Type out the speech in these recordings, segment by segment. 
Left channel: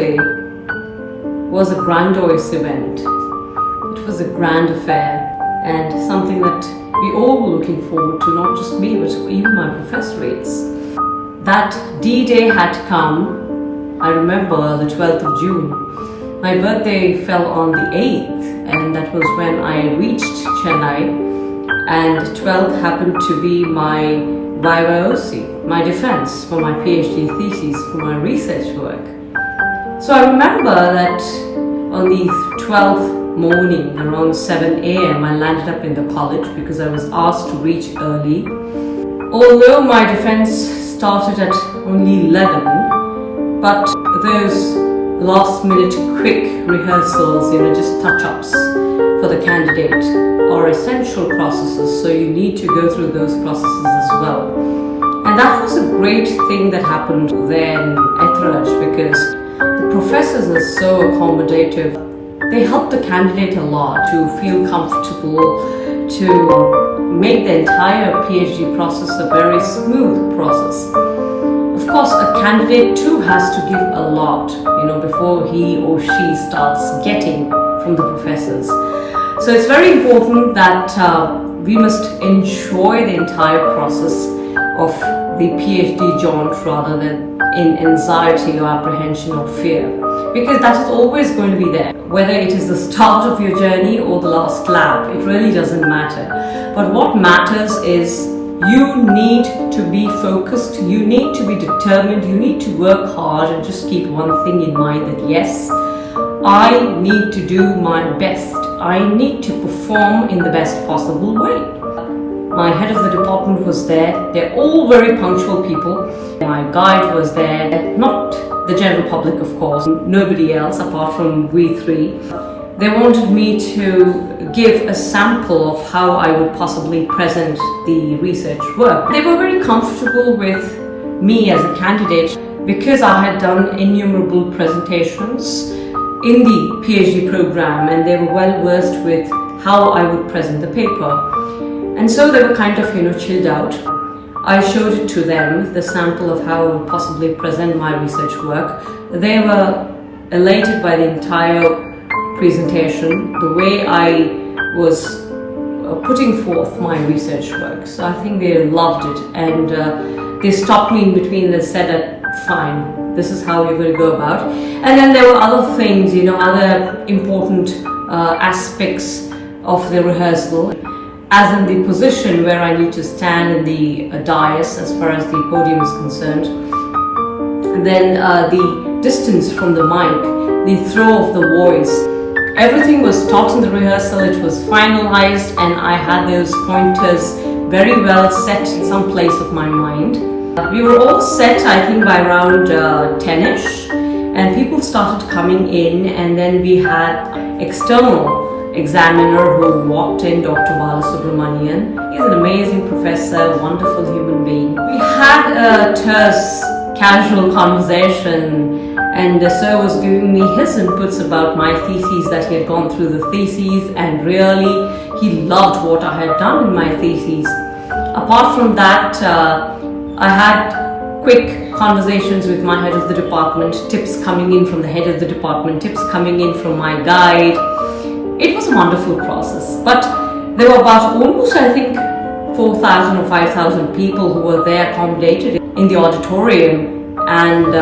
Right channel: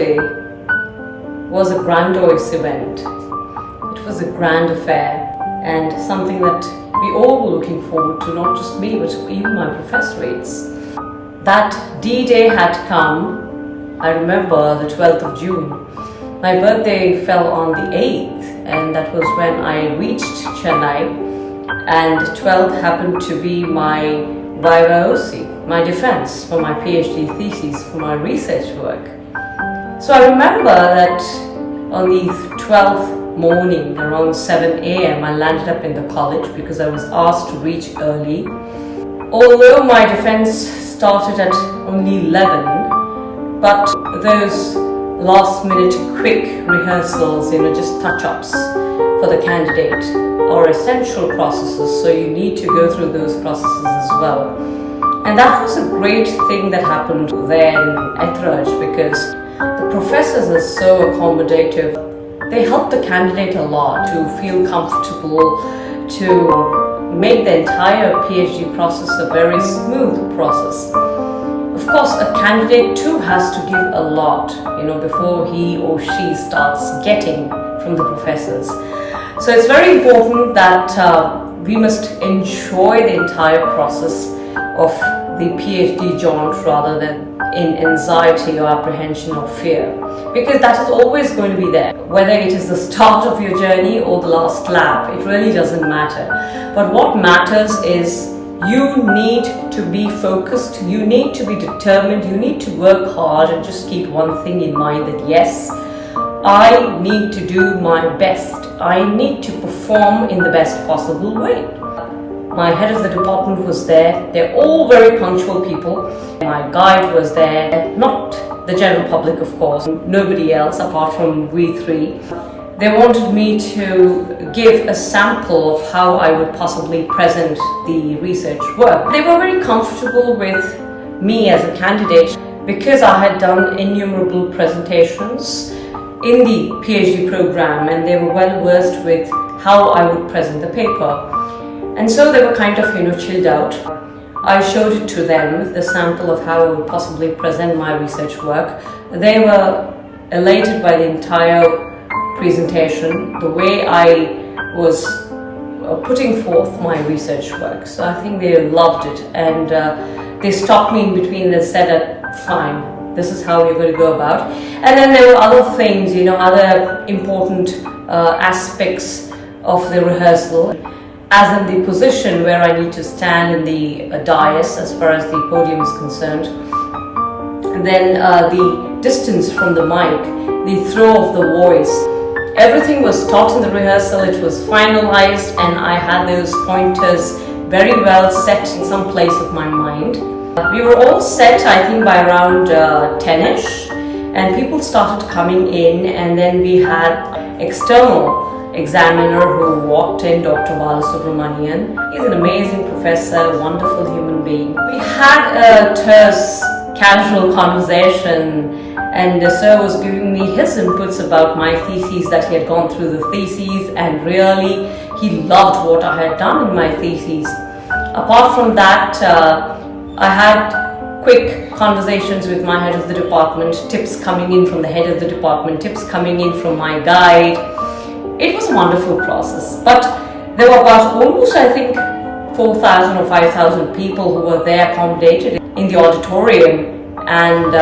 day was a grandiose event. It was a grand affair and something that we all were looking forward to, not just me, but even my professorates. That D-Day had come. I remember the 12th of June. My birthday fell on the 8th, and that was when I reached Chennai, and 12th happened to be my Viva OC, my defense for my PhD thesis for my research work. So I remember that on the 12th morning around 7 a.m. I landed up in the college because I was asked to reach early. Although my defense started at only 11, but those last minute quick rehearsals, just touch-ups for the candidate are essential processes, so you need to go through those processes as well. And that was a great thing that happened there in Etherage, because the professors are so accommodative. They help the candidate a lot to feel comfortable, to make the entire PhD process a very smooth process. Of course, a candidate too has to give a lot, before he or she starts getting from the professors. So it's very important that we must enjoy the entire process of the PhD jaunt rather than in anxiety or apprehension or fear, because that is always going to be there. Whether it is the start of your journey or the last lap, it really doesn't matter. But what matters is you need to be focused, you need to be determined, you need to work hard and just keep one thing in mind, that yes, I need to do my best. I need to perform in the best possible way. My head of the department was there. They're all very punctual people. My guide was there, not the general public, of course, nobody else apart from we three. They wanted me to give a sample of how I would possibly present the research work. They were very comfortable with me as a candidate because I had done innumerable presentations in the PhD program, and they were well versed with how I would present the paper. And so they were kind of, chilled out. I showed it to them, the sample of how I would possibly present my research work. They were elated by the entire presentation, the way I was putting forth my research work. So I think they loved it, and they stopped me in between and said that, fine, this is how you're going to go about. And then there were other things, other important aspects of the rehearsal, as in the position where I need to stand in the dais as far as the podium is concerned. And then the distance from the mic, the throw of the voice. Everything was taught in the rehearsal, it was finalized, and I had those pointers very well set in some place of my mind. We were all set, I think, by around 10ish, and people started coming in, and then we had external examiner who walked in, Dr. Balasubramanian. He's an amazing professor, wonderful human being. We had a terse, casual conversation, and the sir was giving me his inputs about my theses, that he had gone through the theses, and really he loved what I had done in my theses. Apart from that, I had quick conversations with my head of the department, tips coming in from the head of the department, tips coming in from my guide. It was a wonderful process, but there were about almost, I think, 4,000 or 5,000 people who were there accommodated in the auditorium, and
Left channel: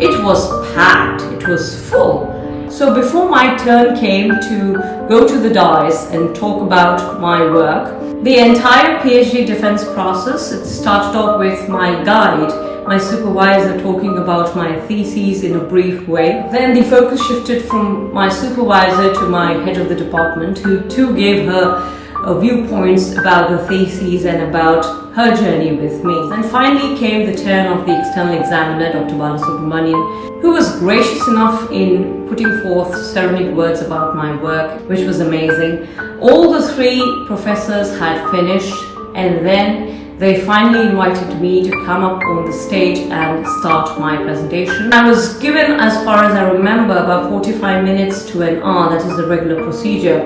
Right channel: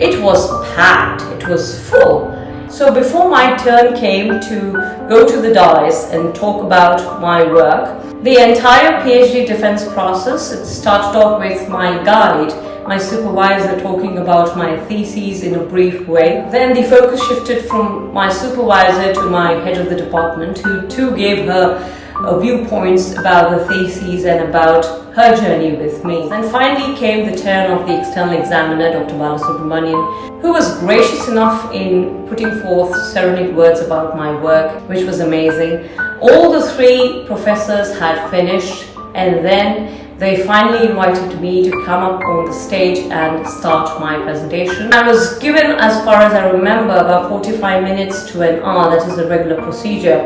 it was packed, it was full. So before my turn came to go to the dais and talk about my work, the entire PhD defense process, it started off with my guide, my supervisor, talking about my theses in a brief way. Then the focus shifted from my supervisor to my head of the department, who too gave her viewpoints about the theses and about her journey with me. And finally came the turn of the external examiner, Dr. Balasubramanian, who was gracious enough in putting forth serenade words about my work, which was amazing. All the three professors had finished, and then they finally invited me to come up on the stage and start my presentation. I was given, as far as I remember, about 45 minutes to an hour, that is the regular procedure,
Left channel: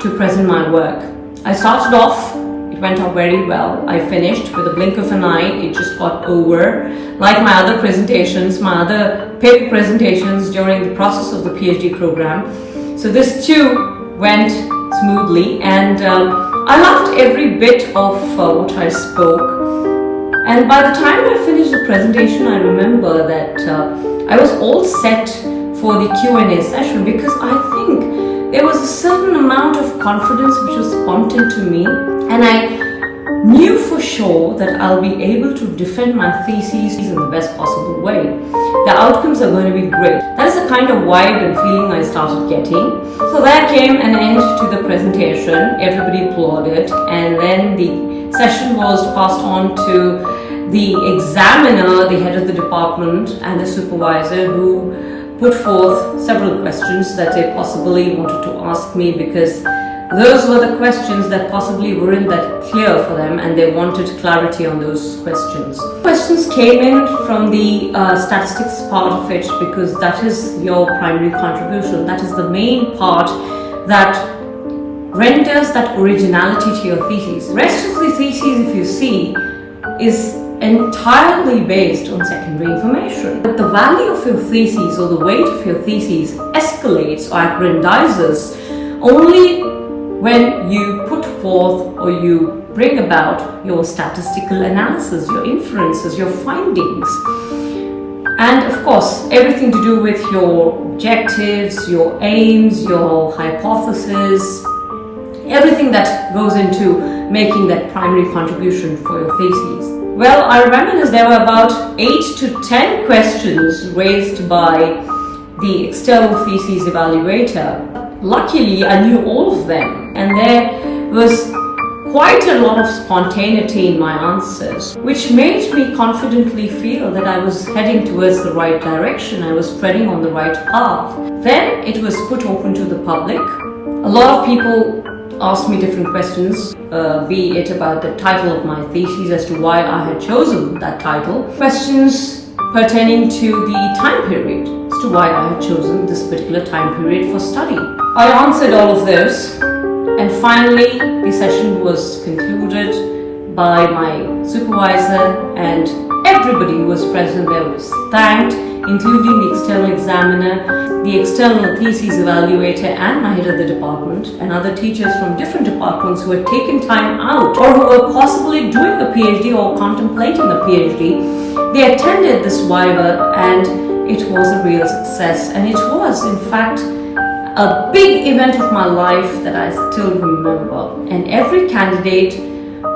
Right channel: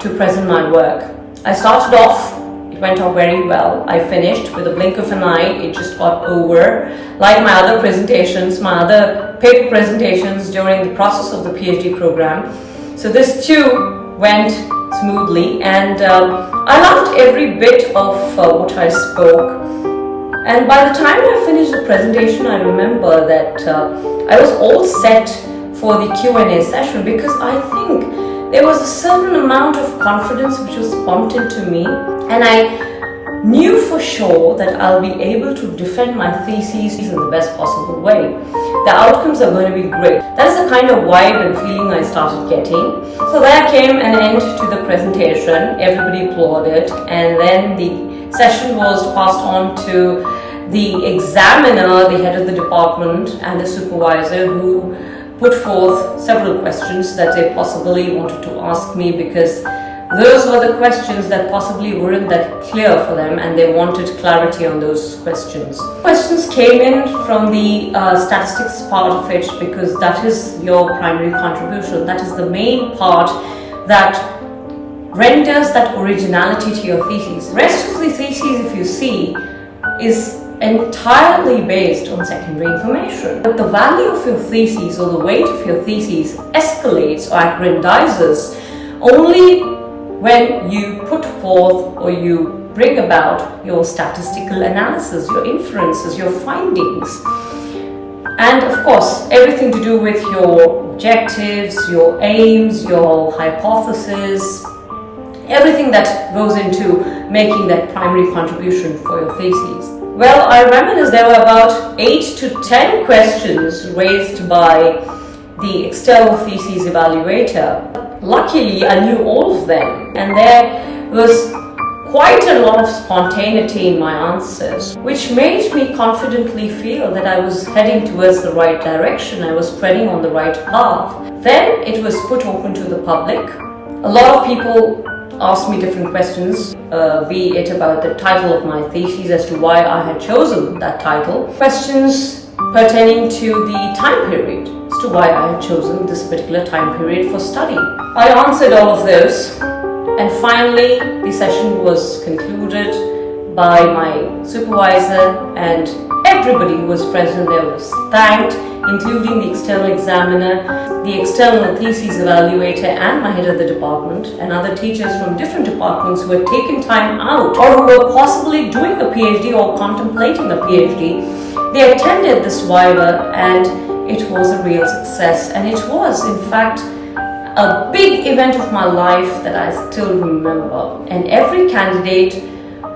to present my work. I started off, it went off very well. I finished with a blink of an eye, it just got over. Like my other presentations, my other paper presentations during the process of the PhD program. So this too went smoothly, and I loved every bit of what I spoke. And by the time I finished the presentation, I remember that I was all set for the Q&A session, because I think there was a certain amount of confidence which was pumped into me, and I knew for sure that I'll be able to defend my theses in the best possible way. The outcomes are going to be great. That is the kind of vibe and feeling I started getting. So there came an end to the presentation. Everybody applauded, and then the session was passed on to the examiner, the head of the department, and the supervisor, who put forth several questions that they possibly wanted to ask me, because those were the questions that possibly weren't that clear for them, and they wanted clarity on those questions. Questions came in from the statistics part of it, because that is your primary contribution. That is the main part that renders that originality to your thesis. The rest of the thesis, if you see, is entirely based on secondary information. But the value of your thesis, or the weight of your thesis, escalates or aggrandizes only when you put forth or you bring about your statistical analysis, your inferences, your findings. And of course, everything to do with your objectives, your aims, your hypothesis, everything that goes into making that primary contribution for your thesis. Well, I reminisce there were about 8 to 10 questions raised by the external thesis evaluator. Luckily, I knew all of them, and there was quite a lot of spontaneity in my answers, which made me confidently feel that I was heading towards the right direction, I was treading on the right path. Then it was put open to the public. A lot of people asked me different questions, be it about the title of my thesis, as to why I had chosen that title, questions pertaining to the time period, as to why I had chosen this particular time period for study. I answered all of those, and finally the session was concluded by my supervisor, and everybody who was present there was thanked, including the external examiner, the external thesis evaluator, and my head of the department, and other teachers from different departments who had taken time out, or who were possibly doing a PhD or contemplating a PhD. They attended this Viva, and it was a real success, and it was in fact a big event of my life that I still remember. And every candidate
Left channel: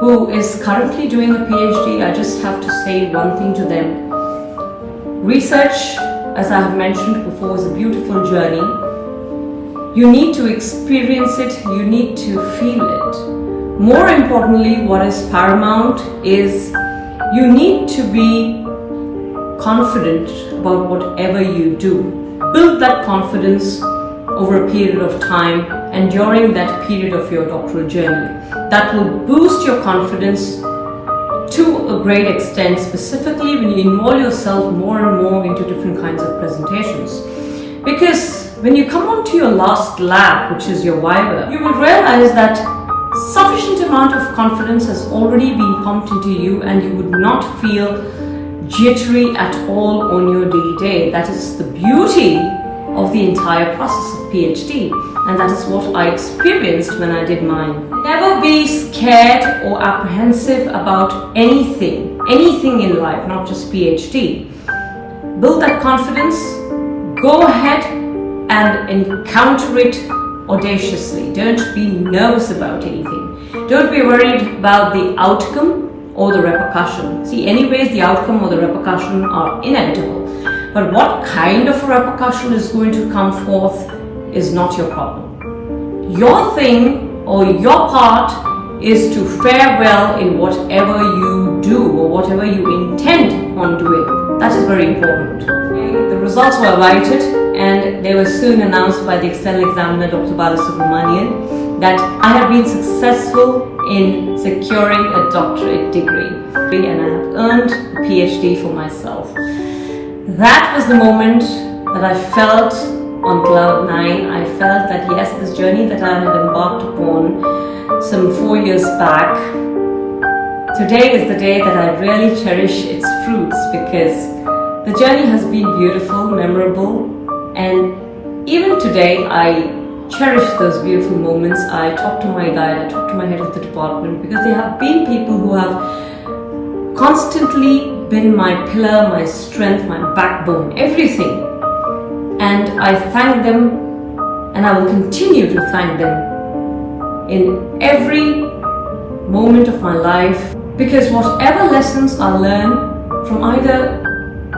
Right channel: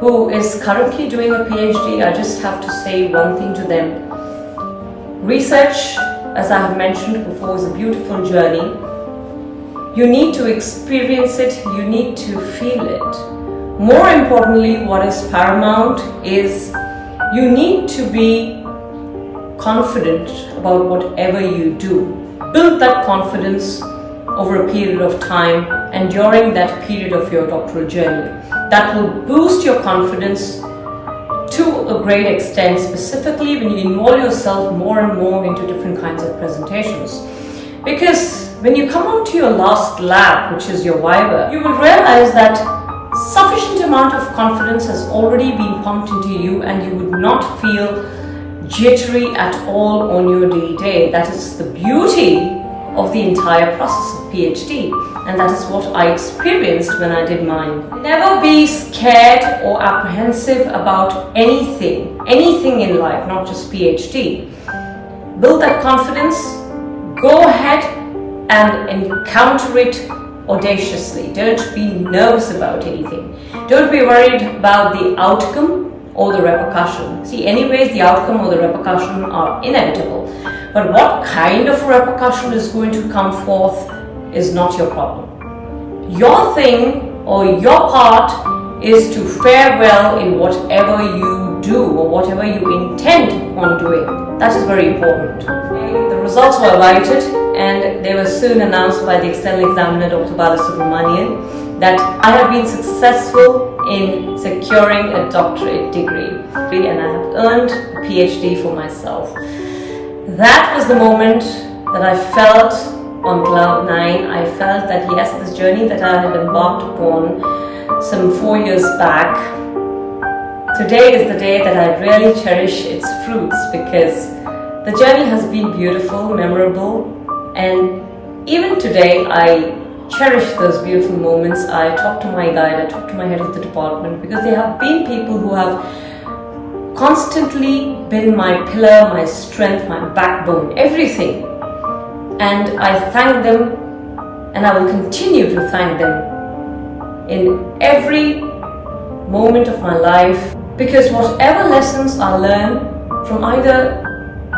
who is currently doing a PhD, I just have to say one thing to them. Research, as I have mentioned before, is a beautiful journey. You need to experience it, you need to feel it. More importantly, what is paramount is you need to be confident about whatever you do. Build that confidence over a period of time and during that period of your doctoral journey. That will boost your confidence to a great extent, specifically when you involve yourself more and more into different kinds of presentations. Because when you come on to your last lab, which is your Viva, you will realize that sufficient amount of confidence has already been pumped into you, and you would not feel jittery at all on your day. That is the beauty of the entire process of PhD, and that is what I experienced when I did mine. Never be scared or apprehensive about anything in life, not just PhD. Build that confidence, go ahead and encounter it audaciously. Don't be nervous about anything. Don't be worried about the outcome or the repercussion. See, anyways, the outcome or the repercussion are inevitable. But what kind of repercussion is going to come forth is not your problem. Your thing or your part is to fare well in whatever you do or whatever you intend on doing. That is very important. The results were awaited, and they were soon announced by the external examiner, Dr. Subramanian, that I have been successful in securing a doctorate degree, and I have earned a PhD for myself. That was the moment that I felt on cloud 9. I felt that yes, this journey that I had embarked upon some 4 years back, today is the day that I really cherish its fruits, because The journey has been beautiful, memorable, and even today I cherish those beautiful moments. I talk to my guide, I talk to my head of the department, because they have been people who have constantly been my pillar, my strength, my backbone, everything. And I thank them, and I will continue to thank them in every moment of my life, because whatever lessons I learn from either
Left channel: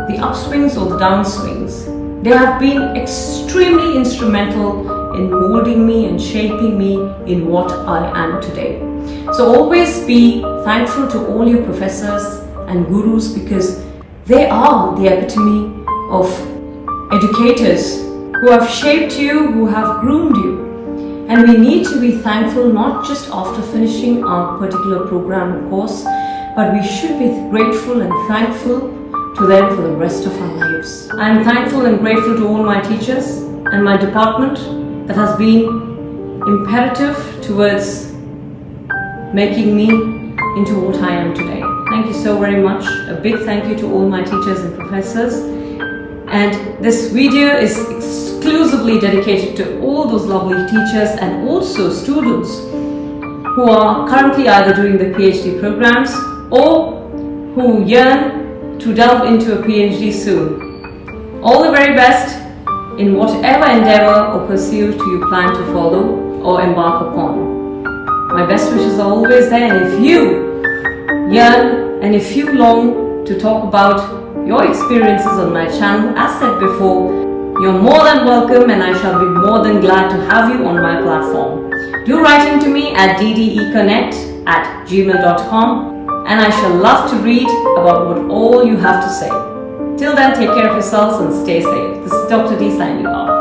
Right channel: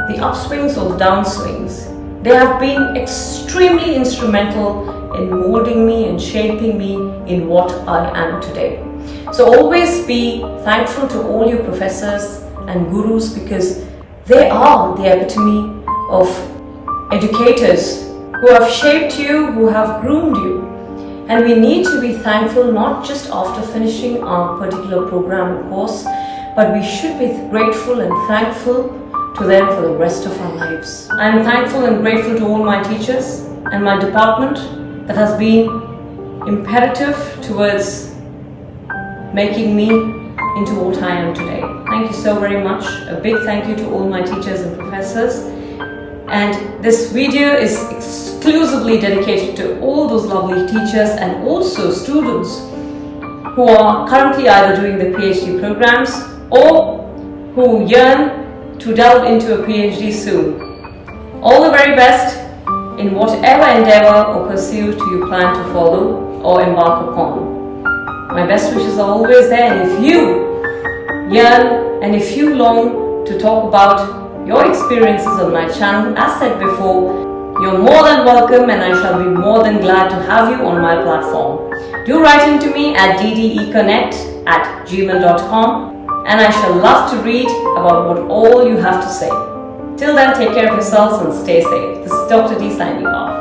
the upswings or the downswings, they have been extremely instrumental in molding me and shaping me in what I am today. So always be thankful to all your professors and gurus, because they are the epitome of educators who have shaped you, who have groomed you. And we need to be thankful not just after finishing our particular program or course, but we should be grateful and thankful to them for the rest of our lives. I am thankful and grateful to all my teachers and my department that has been imperative towards making me into what I am today. Thank you so very much. A big thank you to all my teachers and professors. And this video is exclusively dedicated to all those lovely teachers and also students who are currently either doing the PhD programs or who yearn to delve into a PhD soon. All the very best in whatever endeavor or pursuit you plan to follow or embark upon. My best wishes are always there, and if you yearn and if you long to talk about your experiences on my channel, as said before, you're more than welcome, and I shall be more than glad to have you on my platform. Do write in to me at ddeconett@gmail.com, and I shall love to read about what all you have to say. Till then, take care of yourselves and stay safe. This is Dr. D signing off.